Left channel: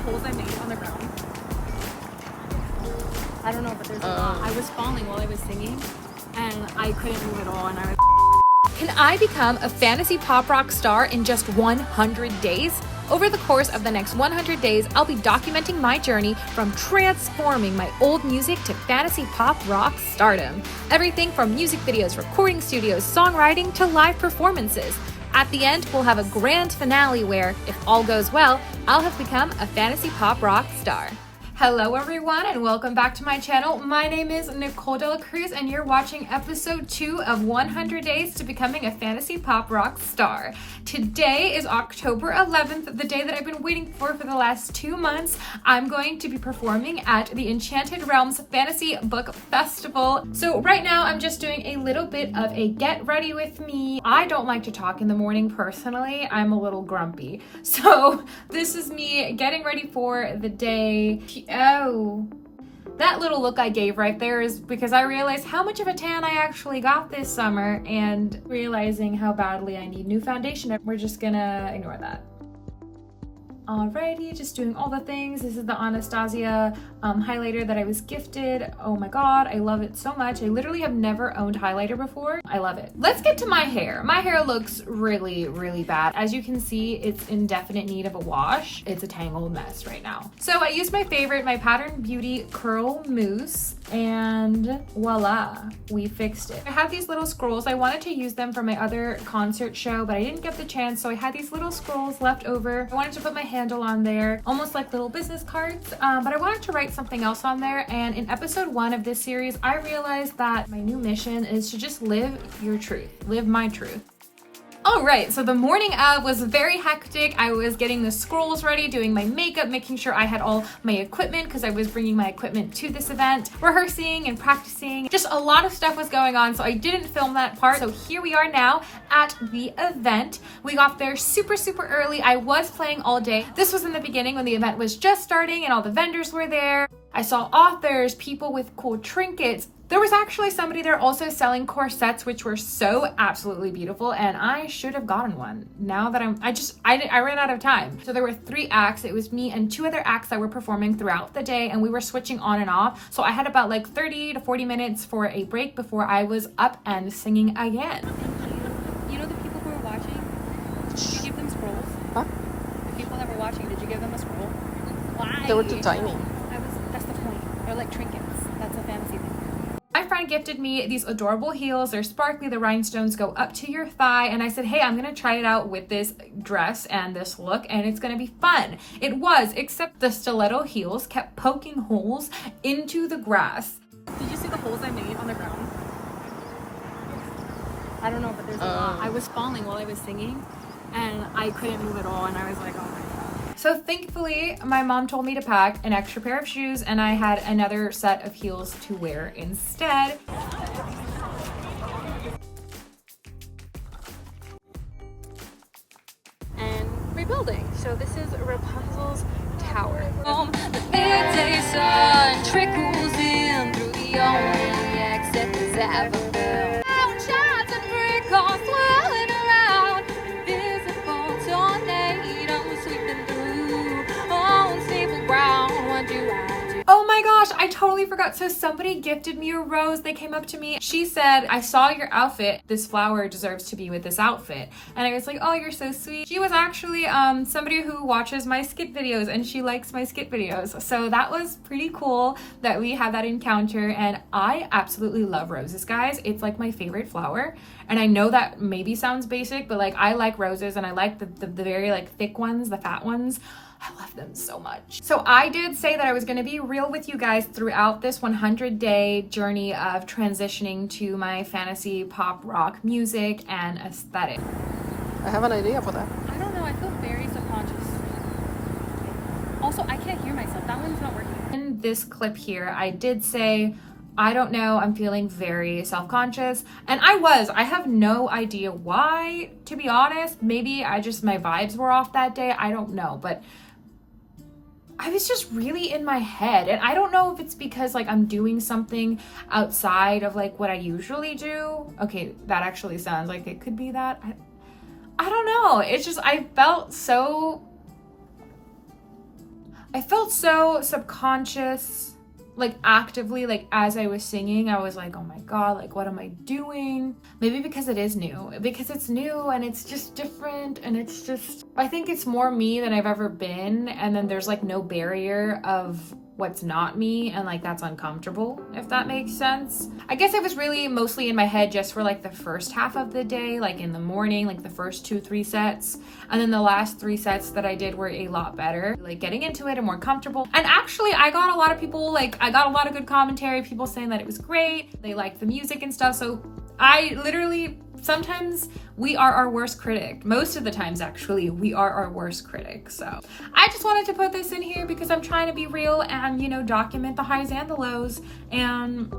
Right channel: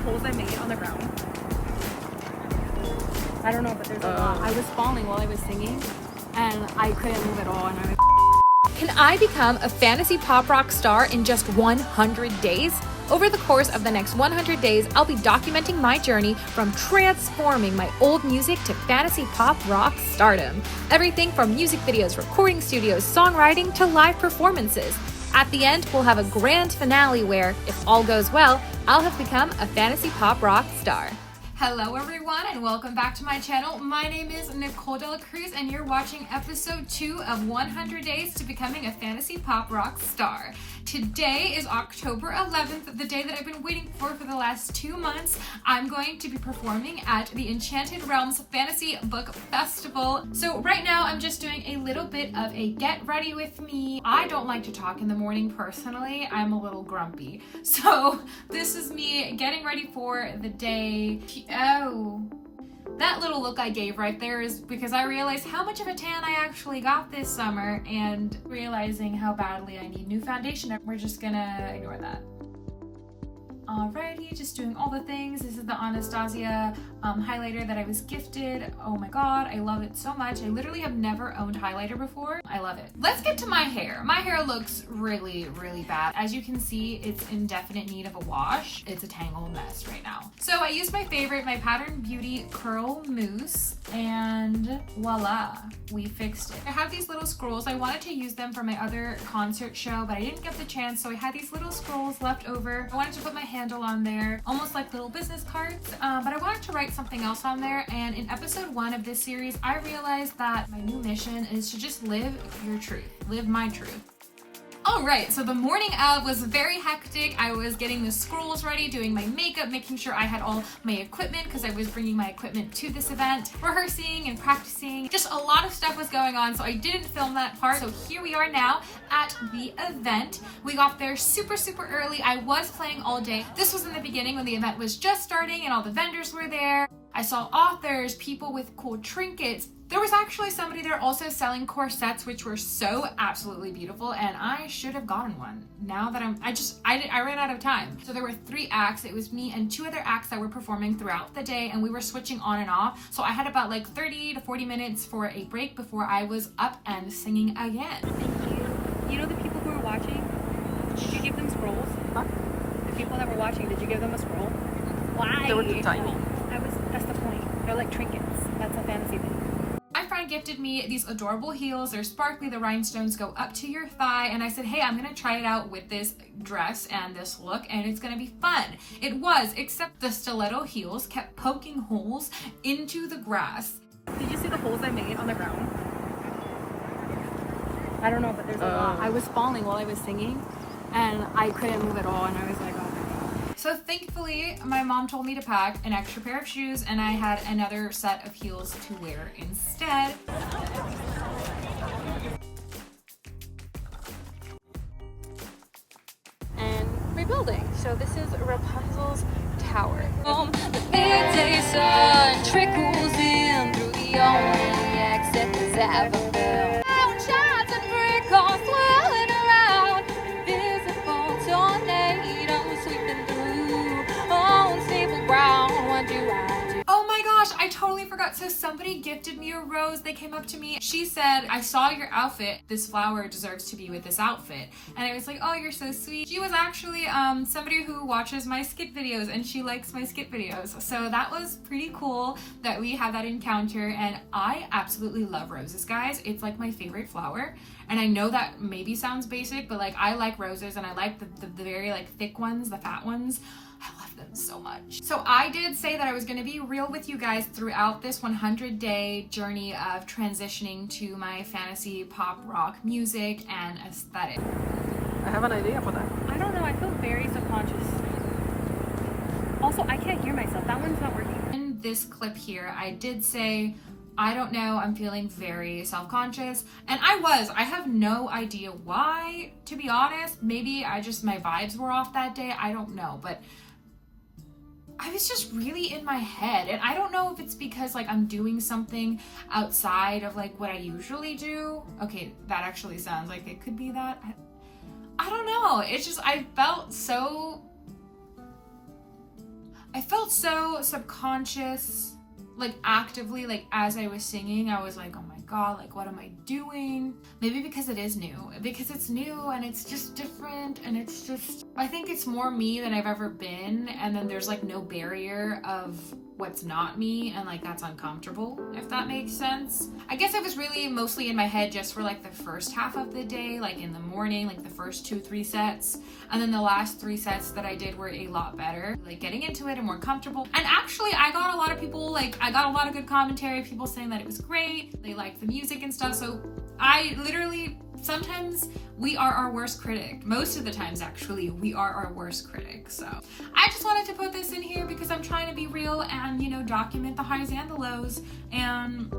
holes I made on the ground? I don't know, but there's a lot. I was falling while I was singing and I couldn't move at all, and I was... Can I become a fantasy pop rock star in just 100 days? Over the course of the next 100 days, I'll be documenting my journey from transforming my old music to fantasy pop rock stardom. Everything from music videos, recording studios, songwriting, to live performances. At the end, we'll have a grand finale where, if all goes well, I'll have become a fantasy pop rock star. Hello everyone and welcome back to my channel. My name is Nicole Cruz and you're watching episode 2 of 100 Days to Becoming a Fantasy Pop Rock Star. Today is October 11th, the day that I've been waiting for the last 2 months. I'm going to be performing at the Enchanted Realms Fantasy Book Festival. So right now I'm just doing a little bit of a get ready with me. I don't like to talk in the morning personally. I'm a little grumpy. So this is me getting ready for the day. Oh, that little look I gave right there is because I realized how much of a tan I actually got this summer and realizing how badly I need new foundation. We're just gonna ignore that. Alrighty, just doing all the things. This is the Anastasia highlighter that I was gifted. Oh my god, I love it so much. I literally have never owned highlighter before. I love it. Let's get to my hair. My hair looks really, really bad. As you can see, it's in definite need of a wash. It's a tangled mess right now. So I used my favorite, my Pattern Beauty Curl Mousse, and voila, we fixed it. I have these little scrolls. I wanted to use them for my other concert show, but I didn't get the chance, so I had these little scrolls left over. I wanted to put my handle on there, almost like little business cards, but I wanted to write something else on there. And in episode 1 of this series, I realized that my new mission is to just live your truth, live my truth. All right, so the morning of was very hectic. I was getting the scrolls ready, doing my makeup, making sure I had all my equipment because I was bringing my equipment to this event, rehearsing and practicing. Just a lot of stuff was going on, so I didn't film that part. So here we are now at the event. We got there super, super early. I was playing all day. This was in the beginning when the event was just starting and all the vendors were there. I saw authors, people with cool trinkets. There was actually somebody there also selling corsets, which were so absolutely beautiful, and I should have gotten one. Now that I ran out of time. So there were 3 acts. It was me and 2 other acts that were performing throughout the day, and we were switching on and off. So I had about like 30 to 40 minutes for a break before I was up and singing again. Thank you. You know the people who were watching? Did you give them scrolls? Huh? The people that were watching, did you give them a scroll? Why? They were too tiny. That's the point. They're like trinkets. That's a fantasy thing. My friend gifted me these adorable heels. They're sparkly, the rhinestones go up to your thigh, and I said, hey, I'm gonna try it out with this dress and this look, and it's gonna be fun. It was, except the stiletto heels kept poking holes into the grass. Did you see the holes I made on the ground? I don't know, but there's a lot. I was falling while I was singing, and I couldn't move at all, and I was like, oh my god. So thankfully, my mom told me to pack an extra pair of shoes, and I had another set of heels to wear instead. And rebuilding. So this is Rapunzel's tower. The midday sun trickles in through the only exit that's ever built. Shines and breakers swirling around, invisible tornadoes sweeping through unstable ground. What do I do? Oh my gosh, I totally forgot. So somebody gifted me a rose. They came up to me. She said, I saw your outfit. This flower deserves to be with this outfit. And I was like, oh, you're so sweet. She was actually somebody who watches my skit videos, and she likes my skit videos. So that was pretty cool that we had that encounter. And I absolutely love roses, guys. It's like my favorite flower. And I know that maybe sounds basic, but like I like roses, and I like the very like thick ones, the fat ones. I love them so much. So I did say that I was gonna be real with you guys throughout this 100-day journey of transitioning to my fantasy pop rock music and aesthetic. I have an idea for that. I don't know, I feel very subconscious. Also, I can't hear myself. That one's not working. In this clip here, I did say, I don't know, I'm feeling very self-conscious. And I have no idea why, to be honest. Maybe my vibes were off that day. I don't know, but I was just really in my head, and I don't know if it's because like I'm doing something outside of like what I usually do. Okay, that actually sounds like it could be that. I don't know. It's just I felt so I felt so subconscious, like actively, like as I was singing, I was like, oh my God, like what am I doing? Maybe because it is new, because it's new and it's just different and it's just, I think it's more me than I've ever been. And then there's like no barrier of what's not me, and like that's uncomfortable, if that makes sense. I guess I was really mostly in my head just for like the first half of the day, like in the morning, like the first 2-3 sets, and then the last 3 sets that I did were a lot better, like getting into it and more comfortable. And actually I got a lot of people, like I got a lot of good commentary, people saying that it was great, they liked the music and stuff. So I literally, sometimes we are our worst critic. Most of the times, actually, we are our worst critic. So I just wanted to put this in here because I'm trying to be real and, you know, document the highs and the lows. And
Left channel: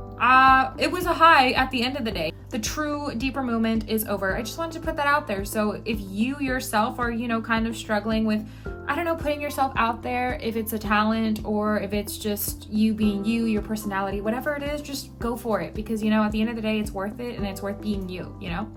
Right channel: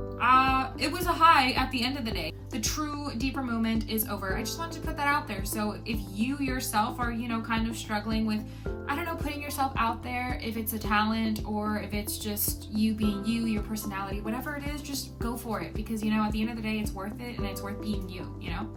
it was a high at the end of the day. The true deeper moment is over. I just wanted to put that out there. So if you yourself are, you know, kind of struggling with, I don't know, putting yourself out there, if it's a talent or if it's just you being you, your personality, whatever it is, just go for it. Because, you know, at the end of the day, it's worth it and it's worth being you, you know?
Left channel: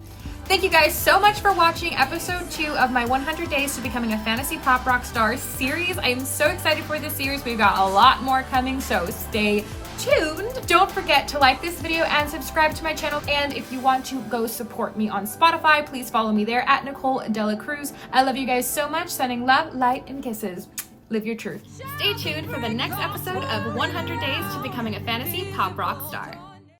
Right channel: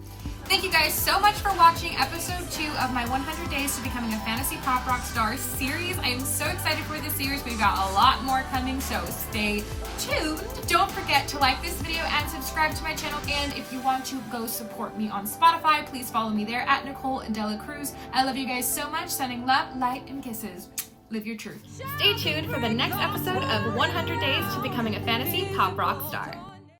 Thank you guys so much for watching episode 2 of my 100 Days to Becoming a Fantasy Pop Rock Star series. I am so excited for this series. We've got a lot more coming, so stay tuned. Don't forget to like this video and subscribe to my channel. And if you want to go support me on Spotify, please follow me there at Nicole Cruz. I love you guys so much. Sending love, light, and kisses. Live your truth. Stay tuned for the next episode of 100 Days to Becoming a Fantasy Pop Rock Star.